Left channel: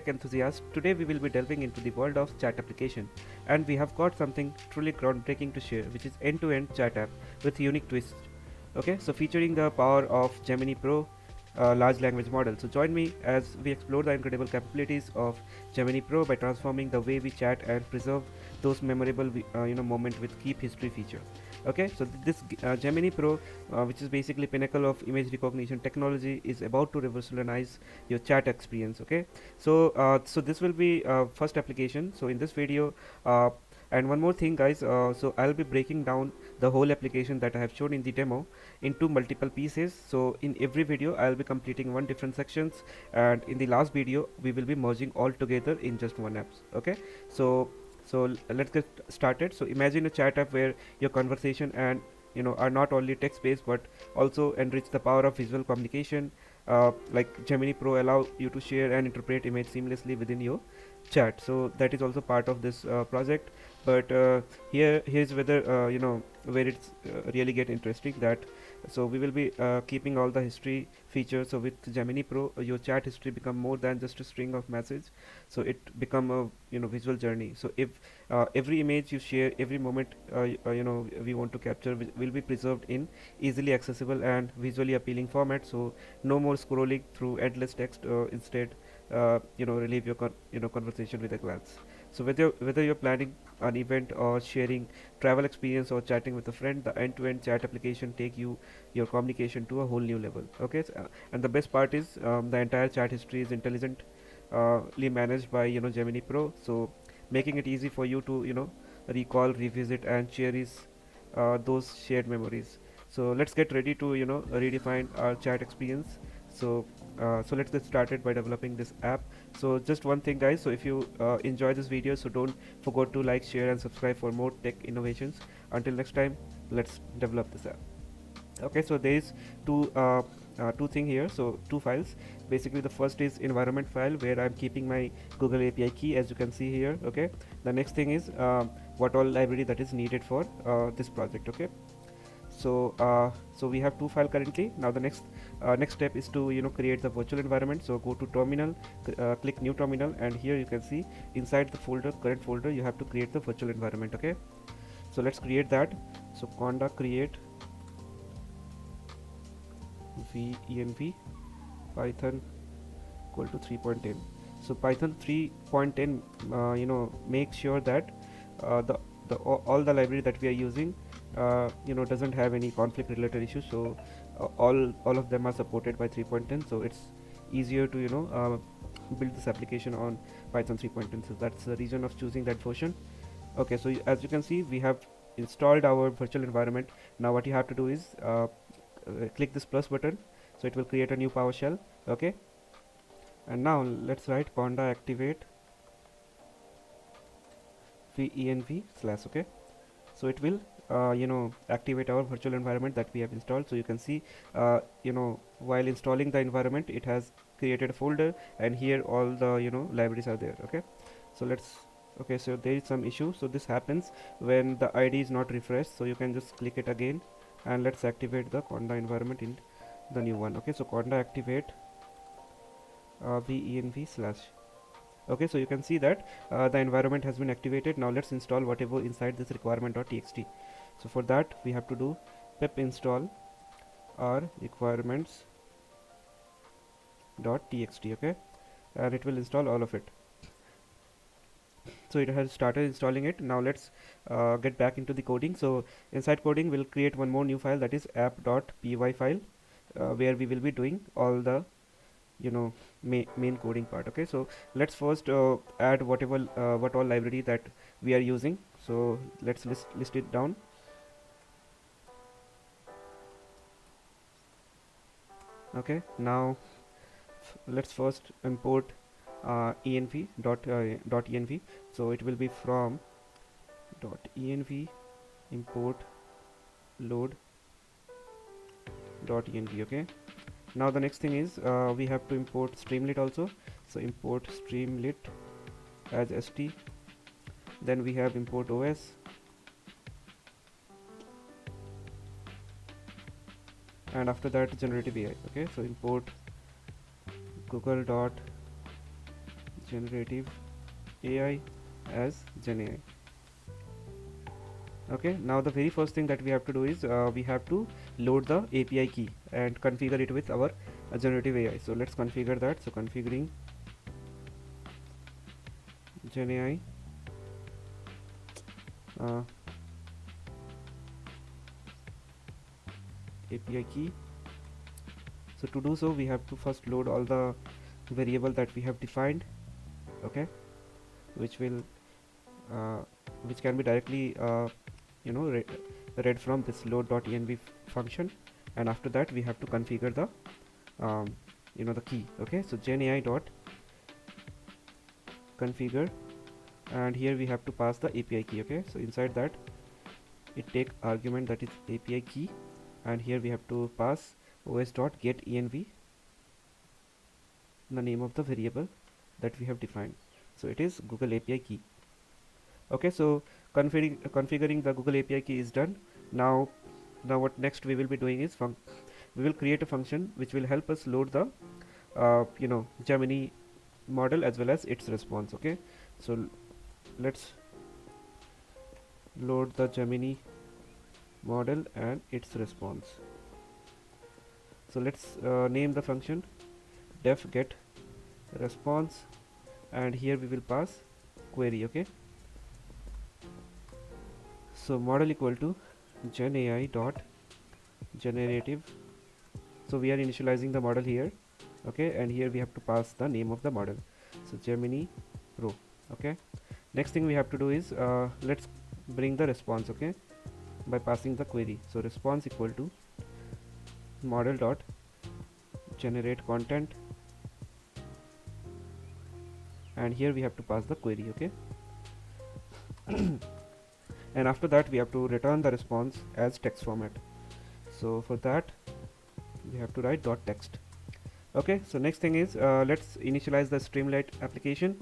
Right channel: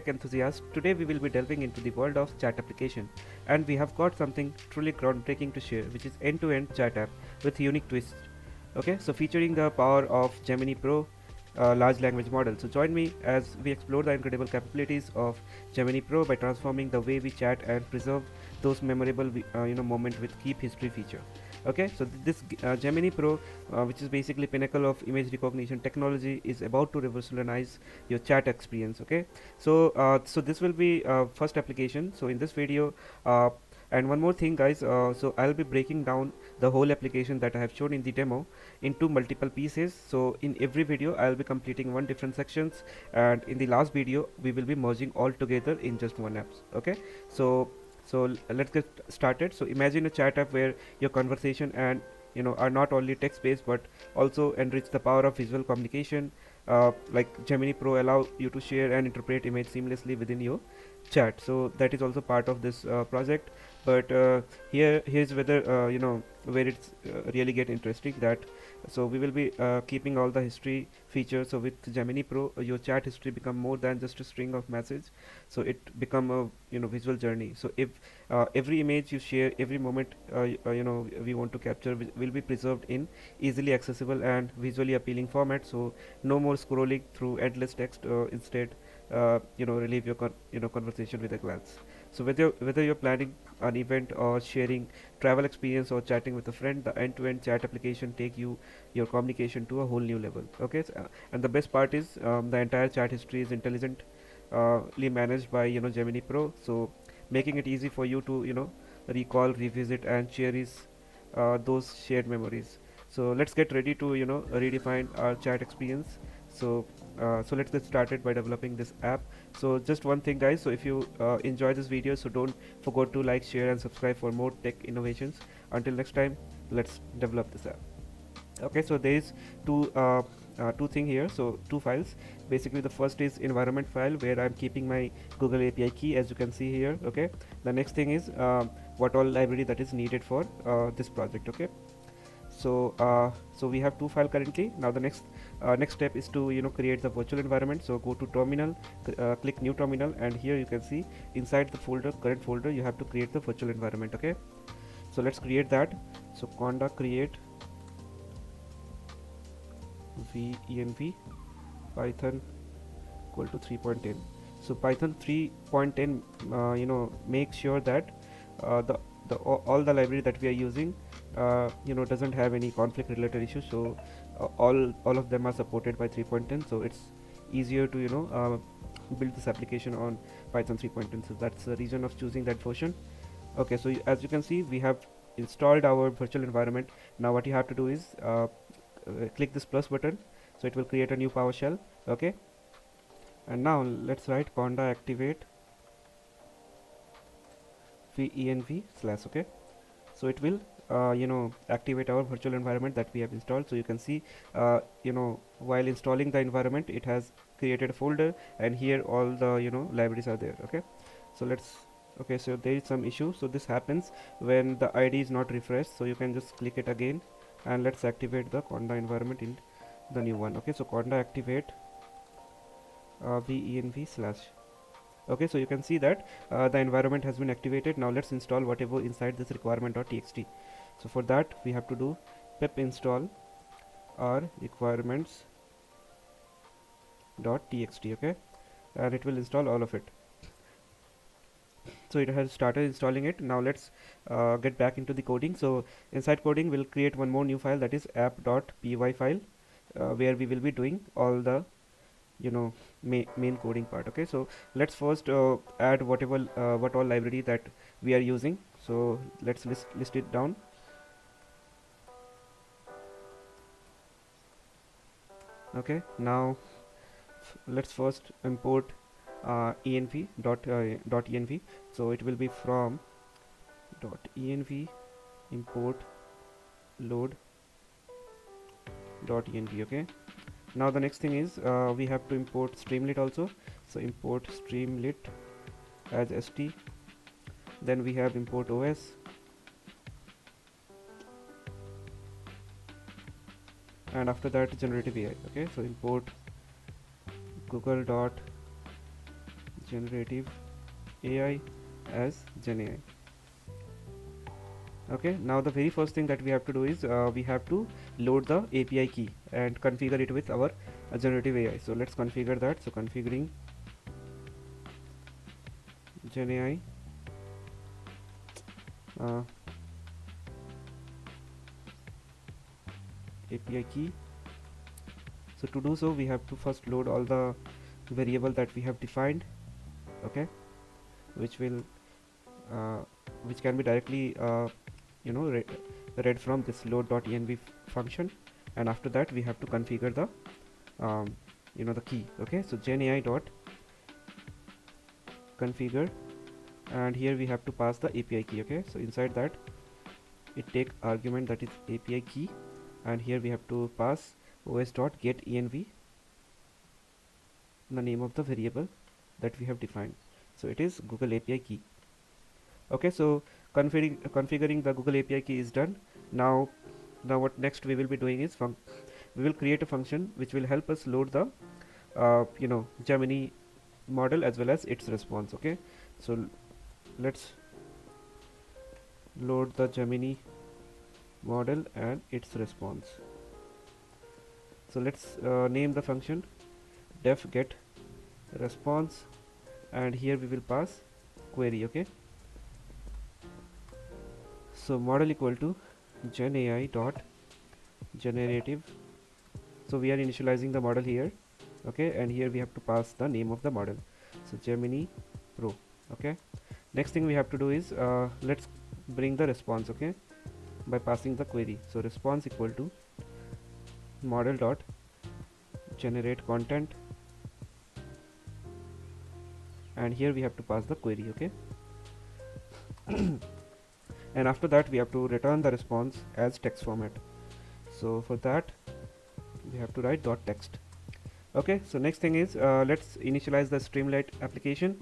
tech enthusiasts. Today we will be delving into the world of chat application, and we have got something truly groundbreaking to share, which is end-to-end chat app with unique twists. Okay, so featuring the power of Gemini Pro, large language model. So join me as we explore the incredible capabilities of Gemini Pro by transforming the way we chat and preserve those memorable moments with keep history feature. Okay, so this Gemini Pro, which is basically pinnacle of image recognition technology, is about to revolutionize your chat experience. Okay, so this will be first application. So in this video, and one more thing guys, so I'll be breaking down the whole application that I have shown in the demo into multiple pieces. So in every video I'll be completing one different sections, and in the last video we will be merging all together in just one app. Okay, so let's get started. So imagine a chat app where your conversation and are not only text based but also enrich the power of visual communication. Like Gemini Pro allow you to share and interpret image seamlessly within your chat, so that is also part of this project. But here's whether where it's really get interesting, that so we will be keeping all the history features. So with Gemini Pro, your chat history become more than just a string of messages, so it become a visual journey. So if every image you share, every moment we want to capture will be preserved in easily accessible and visually appealing format. So no more scrolling through endless text, instead relieve your conversation with a glance. So whether you're planning an event or sharing travel experience or chatting with a friend, the end-to-end chat application take your communication to a whole new level. Okay, and the best part is the entire chat history is intelligently managed by Gemini Pro, so making it easy for you to recall, revisit, and share those shared memories. So let's get ready to redefine our chat experience. So let's get started by developing this app. So just one thing guys, so if you enjoy this video, so don't forget to like, share, and subscribe for more tech innovations. Until next time, let's develop this app. Okay, so there is two thing here, so two files. Basically the first is environment file where I'm keeping my Google API key, as you can see here. Okay, the next thing is what all library that is needed for this project. Okay, so we have two file currently. Now the next step is to create the virtual environment. So go to terminal, click new terminal, and here you can see inside the folder, current folder, you have to create the virtual environment. Okay, so let's create that. So conda create venv python equal to 3.10. So python 3.10 make sure that all the library that we are using doesn't have any conflict related issues. So all of them are supported by 3.10, so it's easier to build this application on python 3.10. So that's the reason of choosing that version. Okay, so as you can see, we have installed our virtual environment. Now what you have to do is click this plus button, so it will create a new PowerShell. Okay, and now let's write conda activate venv slash. Okay, so it will activate our virtual environment that we have installed. So you can see while installing the environment, it has created a folder, and here all the libraries are there. Okay, so okay, so there is some issue. So this happens when the ID is not refreshed, so you can just click it again, and let's activate the conda environment in the new one. Okay, so conda activate venv slash. Okay, so you can see that the environment has been activated. Now let's install whatever inside this requirement.txt. So for that we have to do pip install our requirements.txt. okay, and it will install all of it. So it has started installing it. Now let's get back into the coding. So inside coding, we'll create one more new file, that is app.py file, where we will be doing all the main coding part. Okay, so let's first add what all library that we are using. So let's list it down. Okay, now let's first import env. So it will be from .env import load .env. okay, now the next thing is we have to import streamlit also. So import streamlit as st. Then we have import os, and after that generative AI. Okay, so import google.gene generative AI as GenAI. Okay, now the very first thing that we have to do is we have to load the API key and configure it with our generative AI. So let's configure that. So configuring GenAI API key. So to do so, we have to first load all the variable that we have defined, okay, which will which can be directly read from this load.env function, and after that we have to configure the the key. Okay, so genai dot configure, and here we have to pass the API key. Okay, so inside that it take argument that is API key, and here we have to pass os.getEnv, the name of the variable that we have defined. So it is Google API key. Okay, so configuring the Google API key is done. Now what next we will be doing is we will create a function which will help us load the Gemini model as well as its response. Okay, so let's load the Gemini model and its response. So let's name the function def get response, and here we will pass query. Okay, so model equal to genai dot generative. So we are initializing the model here. Okay, and here we have to pass the name of the model, so Gemini Pro. Okay, next thing we have to do is let's bring the response, okay, by passing the query. So response equal to model dot generate content, and here we have to pass the query. Okay, and after that we have to return the response as text format. So for that we have to write dot text. Okay, so next thing is let's initialize the Streamlit application.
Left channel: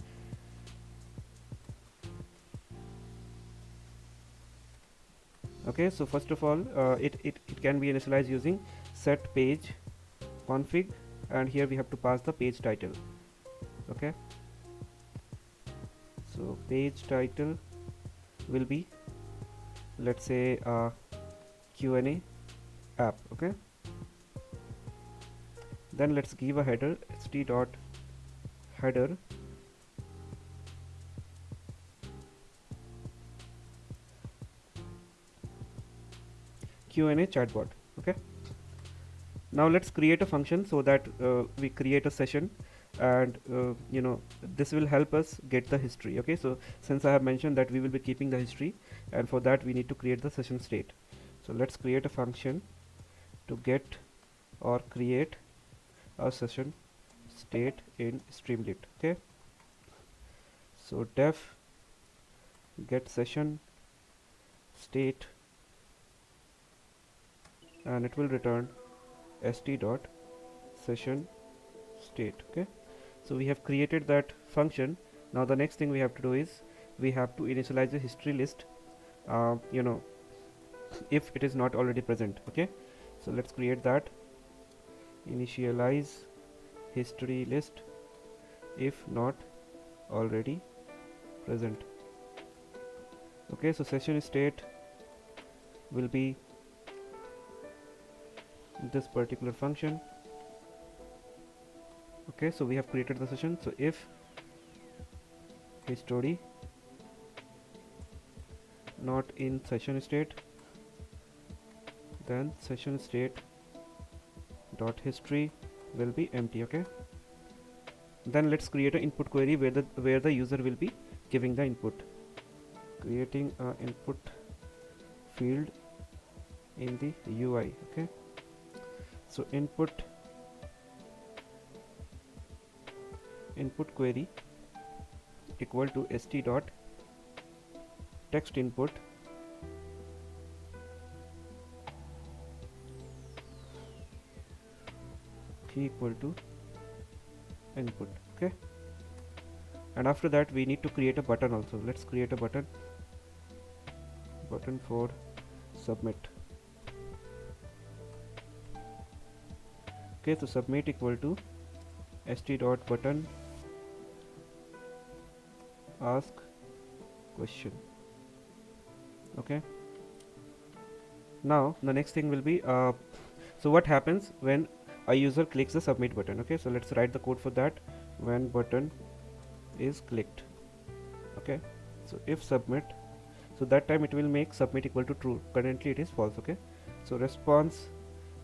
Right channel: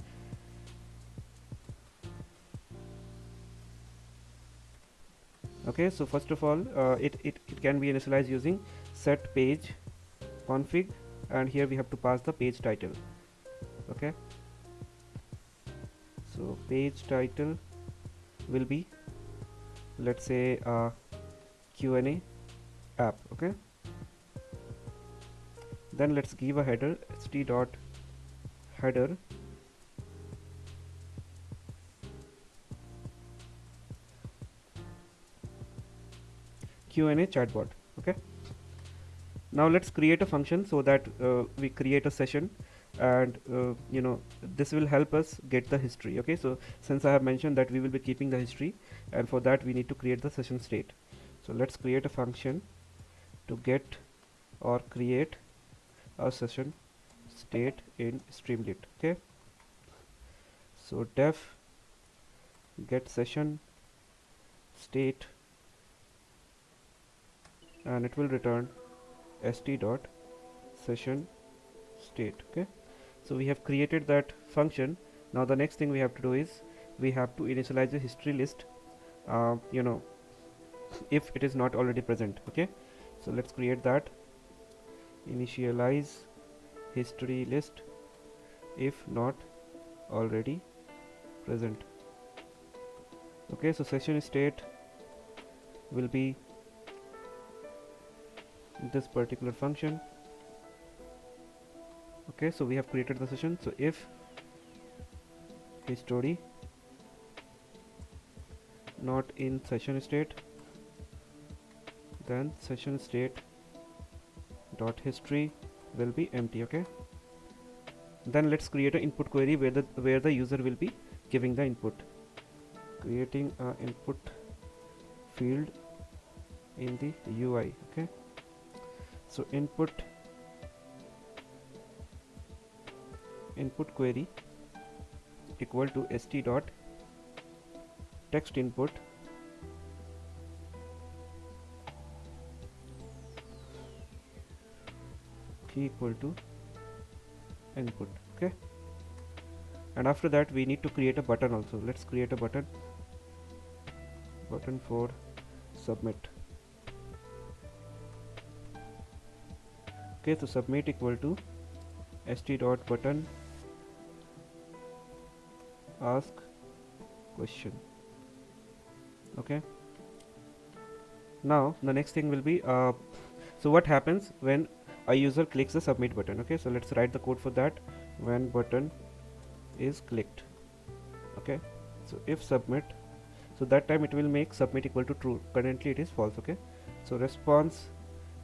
Okay, so first of all it can be initialized using set page config, and here we have to pass the page title. Okay, so page title will be, let's say, Q&A app. Okay, then let's give a header st.header Q&A chatbot. Okay, now let's create a function so that we create a session, and this will help us get the history. Okay, so since I have mentioned that we will be keeping the history, and for that we need to create the session state. So let's create a function to get or create a session state in Streamlit. Okay, so def get session state, and it will return st dot session state. Okay, so we have created that function. Now the next thing we have to do is we have to initialize the history list, if it is not already present. Okay, so let's create that initialize history list if not already present. Okay, so session state will be this particular function. Okay, so we have created the session. So if history not in session state, then session state dot history will be empty. Okay, then let's create an input query where the user will be giving the input, creating an input field in the UI. Okay, so input query equal to st dot text input key equal to input. Okay, and after that we need to create a button also. Let's create a button for submit. Okay, so submit equal to st dot button ask question. Okay, now the next thing will be so what happens when a user clicks the submit button. Okay, so let's write the code for that. When button is clicked, okay, so if submit, so that time it will make submit equal to true. Currently it is false. Okay, so response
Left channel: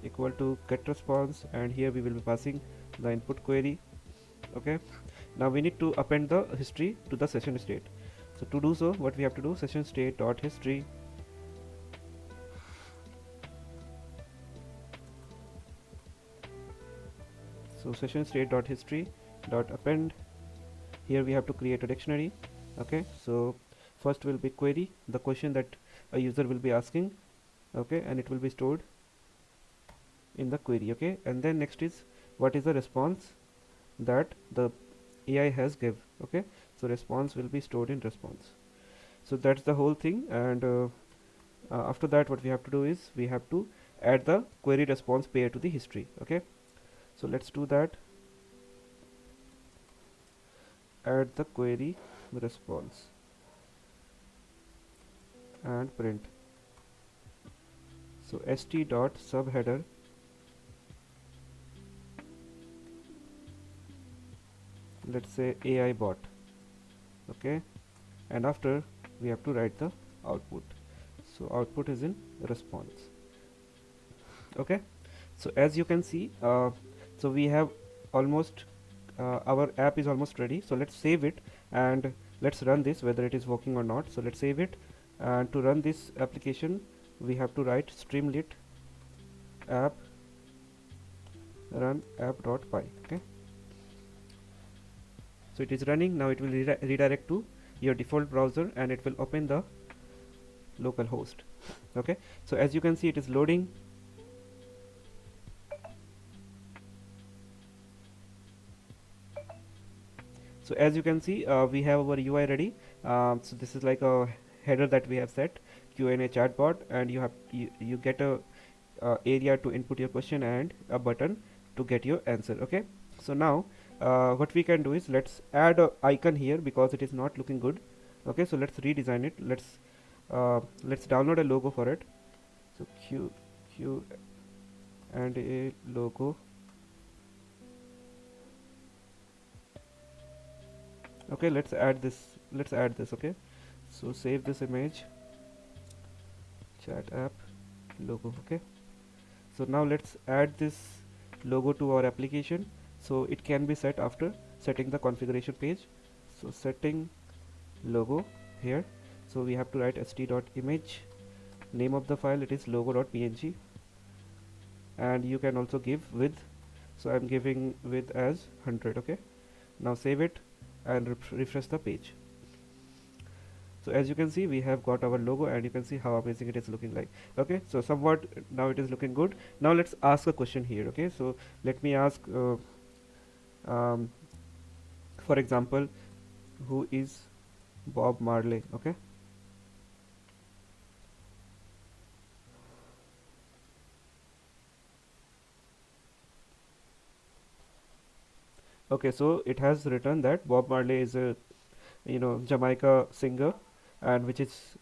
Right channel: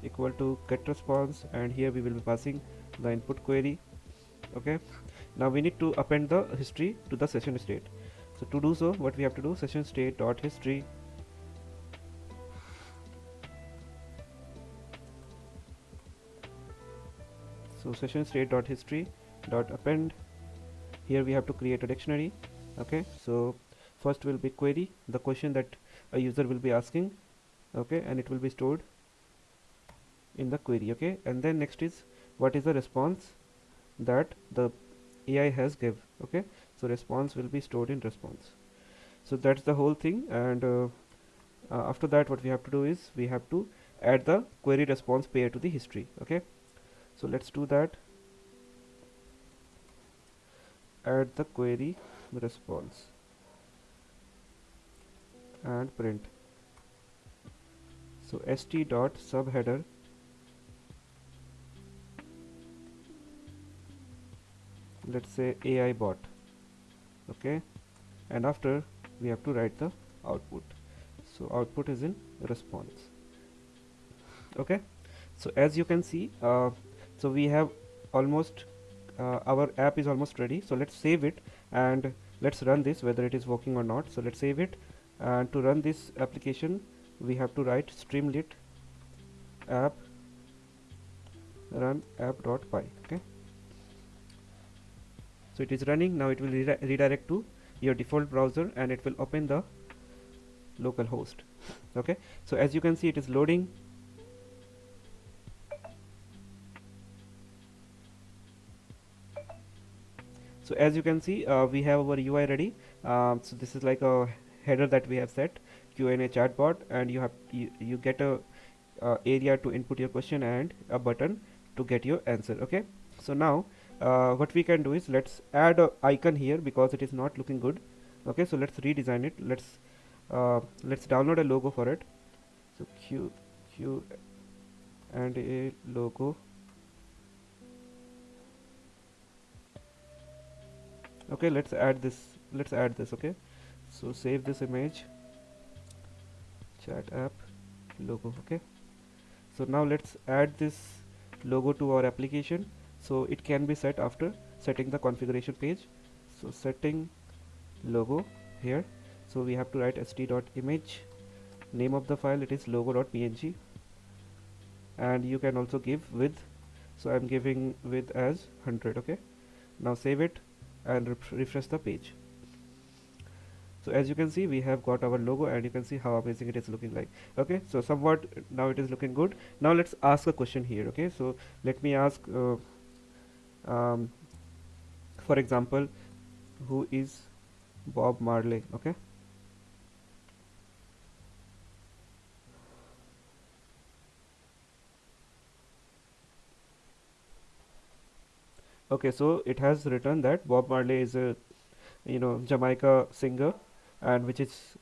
equal to get response, and here we will be passing the input query. Okay, now we need to append the history to the session state. So to do so, what we have to do, session state dot history. So session state dot history dot append. Here we have to create a dictionary. Okay, so first will be query, the question that a user will be asking. Okay, and it will be stored in the query. Okay, and then next is what is the response that the AI has give. Okay, so response will be stored in response. So that's the whole thing, and after that what we have to do is we have to add the query response pair to the history. Okay, so let's do that. Add the query response and print. So st dot subheader let's say AI bot. Okay, and after we have to write the output. So output is in response. Okay, so as you can see, so we have almost our app is almost ready. So let's save it and let's run this whether it is working or not. So let's save it, and to run this application we have to write streamlit app run app.py. Okay, so it is running now. It will redirect to your default browser and it will open the local host. Okay, so as you can see, it is loading. So as you can see, we have our UI ready. So this is like a header that we have set, Q&A chatbot, and you get a area to input your question and a button to get your answer. Okay, so now what we can do is let's add an icon here because it is not looking good. Okay, so let's redesign it. Let's download a logo for it. So Q and a logo. Okay, let's add this. Okay, so save this image, chat app logo. Okay, so now let's add this logo to our application. So it can be set after setting the configuration page. So setting logo here, so we have to write st.image, name of the file it is logo.png, and you can also give width. So I'm giving width as 100. Okay, now save it and refresh the page. So as you can see, we have got our logo and you can see how amazing it is looking like. Okay, so somewhat now it is looking good. Now let's ask a question here. Okay, so let me ask for example, who is Bob Marley? Okay, okay, so it has written that Bob Marley is a Jamaica singer, and which is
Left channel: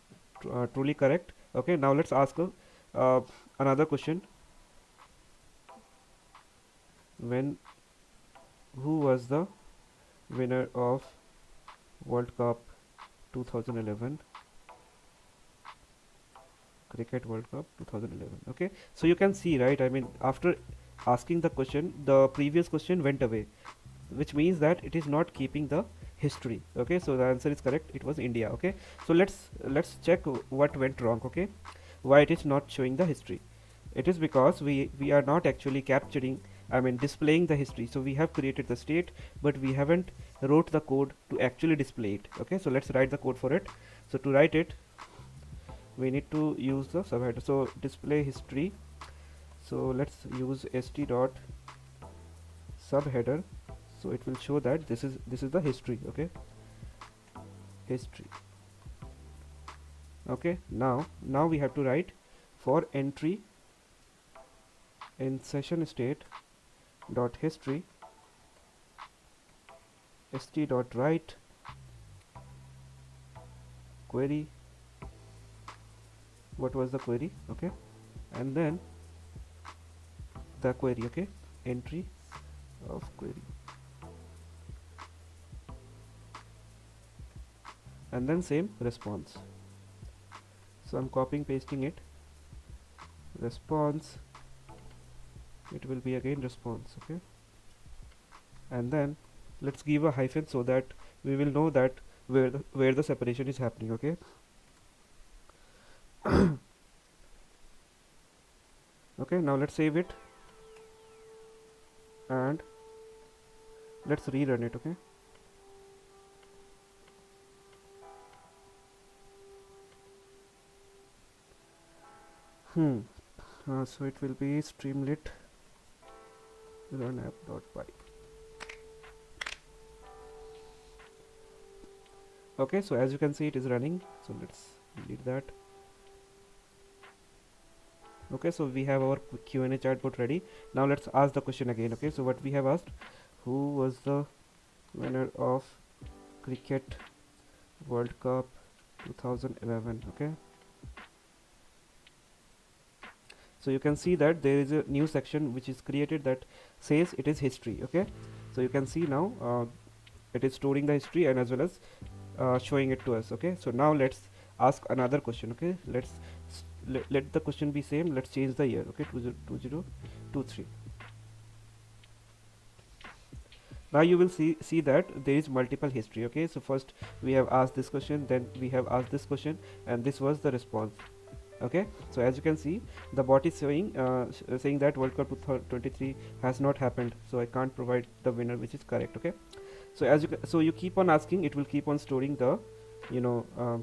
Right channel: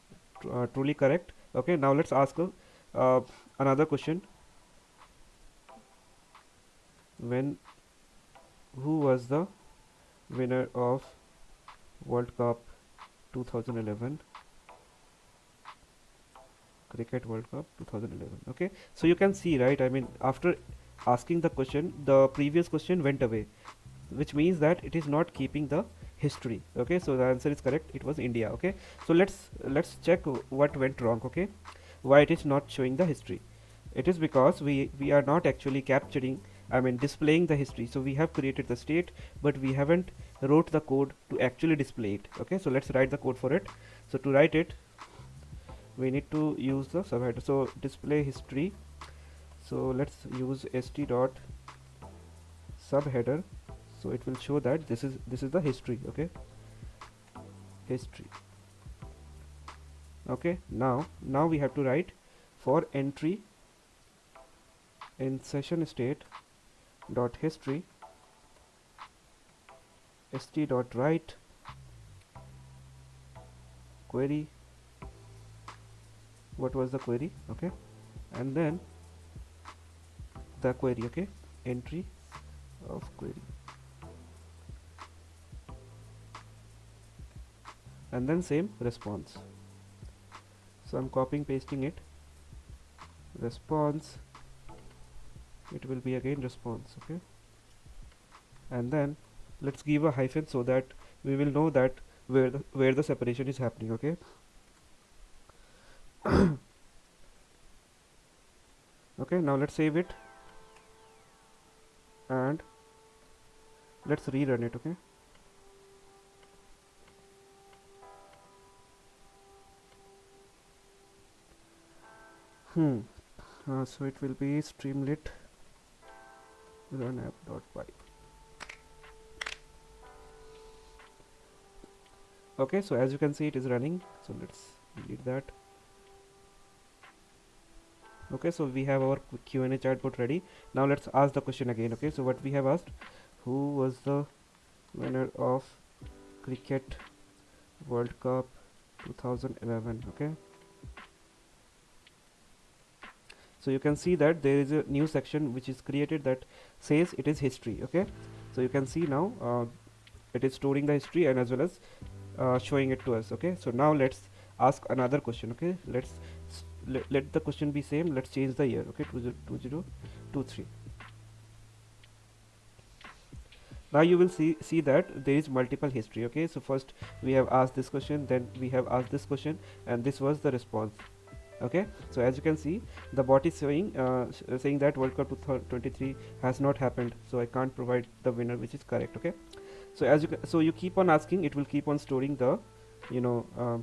truly correct. Okay, now let's ask him another question. Who was the winner of World Cup 2011? Cricket World Cup 2011. Okay, so you can see, right? I mean, after asking the question, the previous question went away, which means that it is not keeping the history. Okay, so the answer is correct. It was India. Okay, so let's check what went wrong. Okay, why it is not showing the history? It is because we are not actually capturing, I mean displaying the history. So we have created the state, but we haven't wrote the code to actually display it. Okay, so let's write the code for it. So to write it, we need to use the subheader. So display history. So let's use st dot subheader. So it will show that this is the history. Okay, history. Okay, now we have to write for entry in session state dot history st dot write query, what was the query, okay, and then the query, okay, entry of query, and then same response. So I'm copying pasting it, response, it will be again response, okay, and then let's give a hyphen so that we will know that where the separation is happening, okay. Okay, now let's save it and let's rerun it, okay. So it will be streamlit run app.py. Okay, so as you can see it is running, so let's delete that. Okay, so we have our Q&A chatbot ready. Now let's ask the question again, okay. So what we have asked, who was the winner of Cricket World Cup 2011, okay. So you can see that there is a new section which is created that says it is history, okay. So you can see now it is storing the history and as well as showing it to us, okay. So now let's ask another question, okay. Let the question be same. Let's change the year, okay, 2023. Now you will see that there is multiple history, okay. So first we have asked this question, then we have asked this question, and this was the response, okay. So as you can see, the bot is saying that World Cup 2023 has not happened, so I can't provide the winner, which is correct, okay. So you keep on asking, it will keep on storing the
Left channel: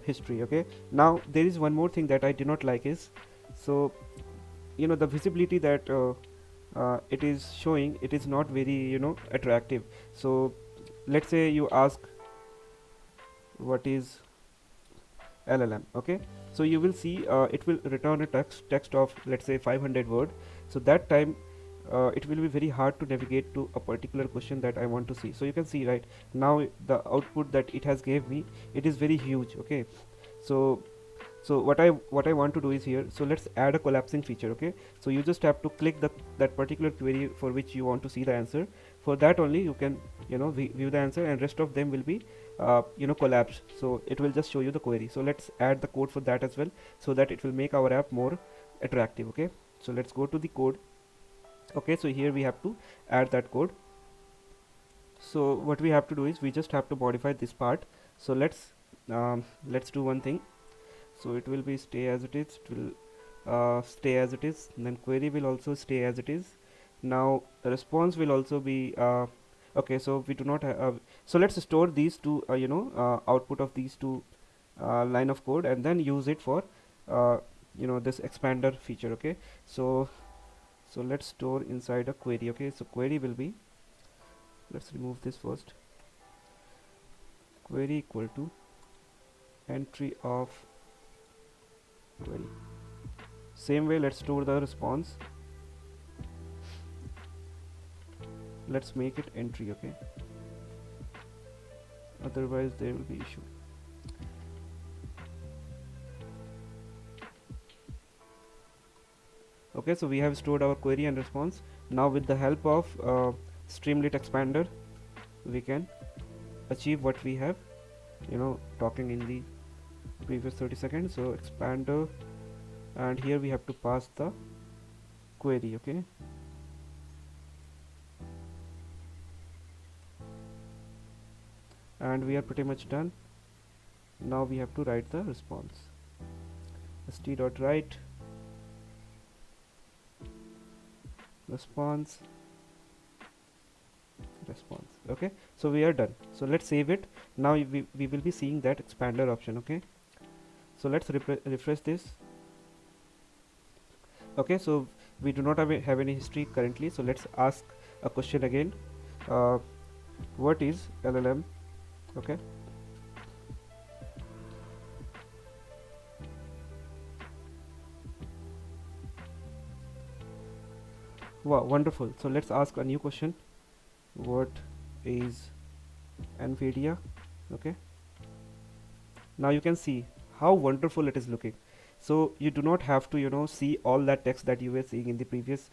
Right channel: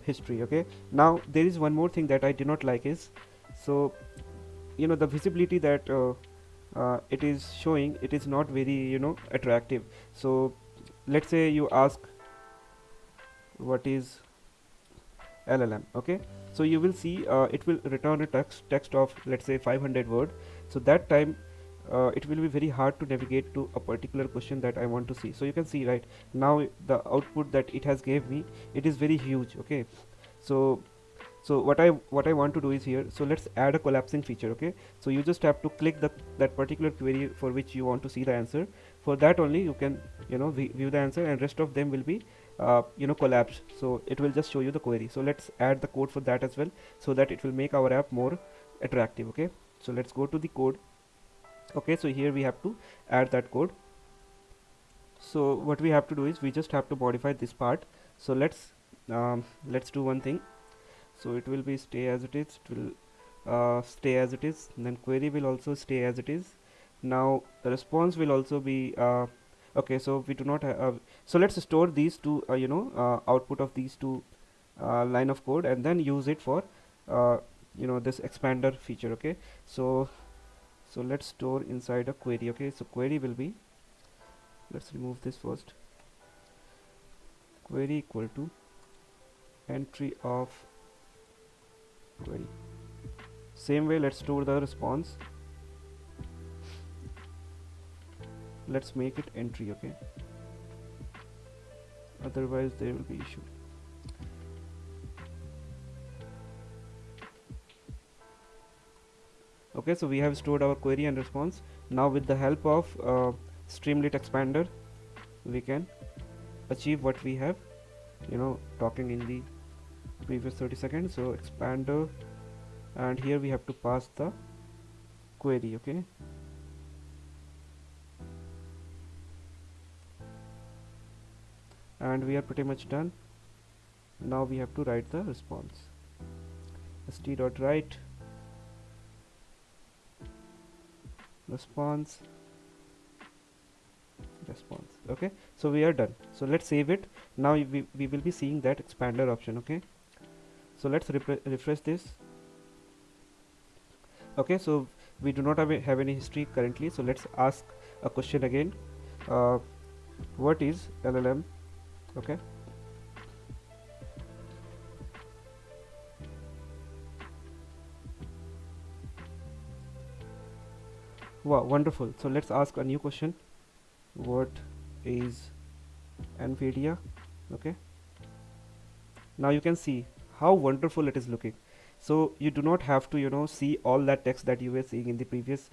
history, okay. Now there is one more thing that I do not like is, so the visibility that it is showing, it is not very attractive. So let's say you ask what is LLM, okay. So you will see it will return a text of, let's say, 500 word. So that time it will be very hard to navigate to a particular question that I want to see. So you can see right now the output that it has gave me, it is very huge, okay. So what I want to do is here, so let's add a collapsing feature, okay. So you just have to click that particular query for which you want to see the answer. For that only you can view the answer, and rest of them will be collapsed, so it will just show you the query. So let's add the code for that as well, so that it will make our app more attractive, okay. So let's go to the code, okay. So here we have to add that code. So what we have to do is we just have to modify this part. So let's do one thing. So it will be stay as it is, it will stay as it is, and then query will also stay as it is. Now the response will also be okay. So we do not so let's store these two output of these two line of code, and then use it for this expander feature, okay. So let's store inside a query, okay. So query will be, let's remove this first, query equal to entry of query. Same way, let's store the response, let's make it entry, okay, otherwise there will be issue. Okay, so we have stored our query and response. Now with the help of Streamlit expander, we can achieve what we have talking in the previous 30 seconds. So expander, and here we have to pass the query, okay. And we are pretty much done. Now we have to write the response. st.write response, okay. So we are done. So let's save it. Now we will be seeing that expander option, okay. So let's refresh this. Okay, so we do not have any history currently. So let's ask a question again. What is LLM, okay. Wow, wonderful. So let's ask a new question. What is NVIDIA, okay. Now you can see how wonderful it is looking. So you do not have to see all that text that you were seeing in the previous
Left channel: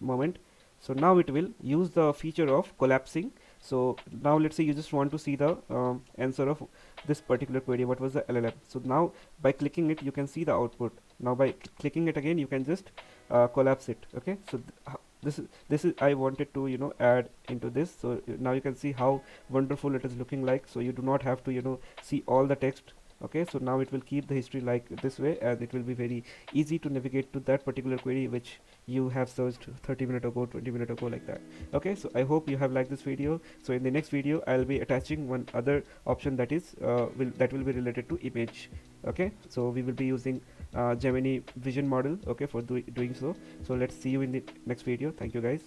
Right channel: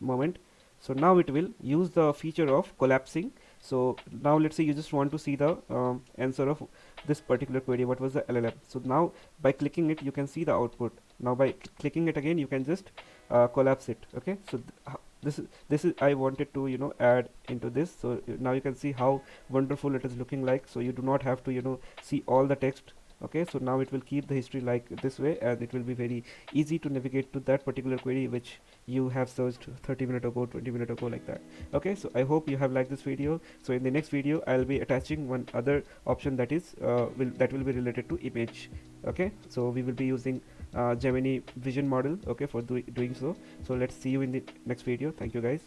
moment. So now it will use the feature of collapsing. So now let's say you just want to see the answer of this particular query, what was the LLM. So now by clicking it you can see the output. Now by clicking it again you can just collapse it. Okay, so this is I wanted to add into this. So now you can see how wonderful it is looking like. So you do not have to see all the text. Okay, so now it will keep the history like this way, and it will be very easy to navigate to that particular query which you have searched 30 minutes ago, 20 minutes ago, like that. Okay, so I hope you have liked this video. So in the next video I'll be attaching one other option that is that will be related to image. Okay, so we will be using Gemini vision model, okay, for doing so. So let's see you in the next video. Thank you guys.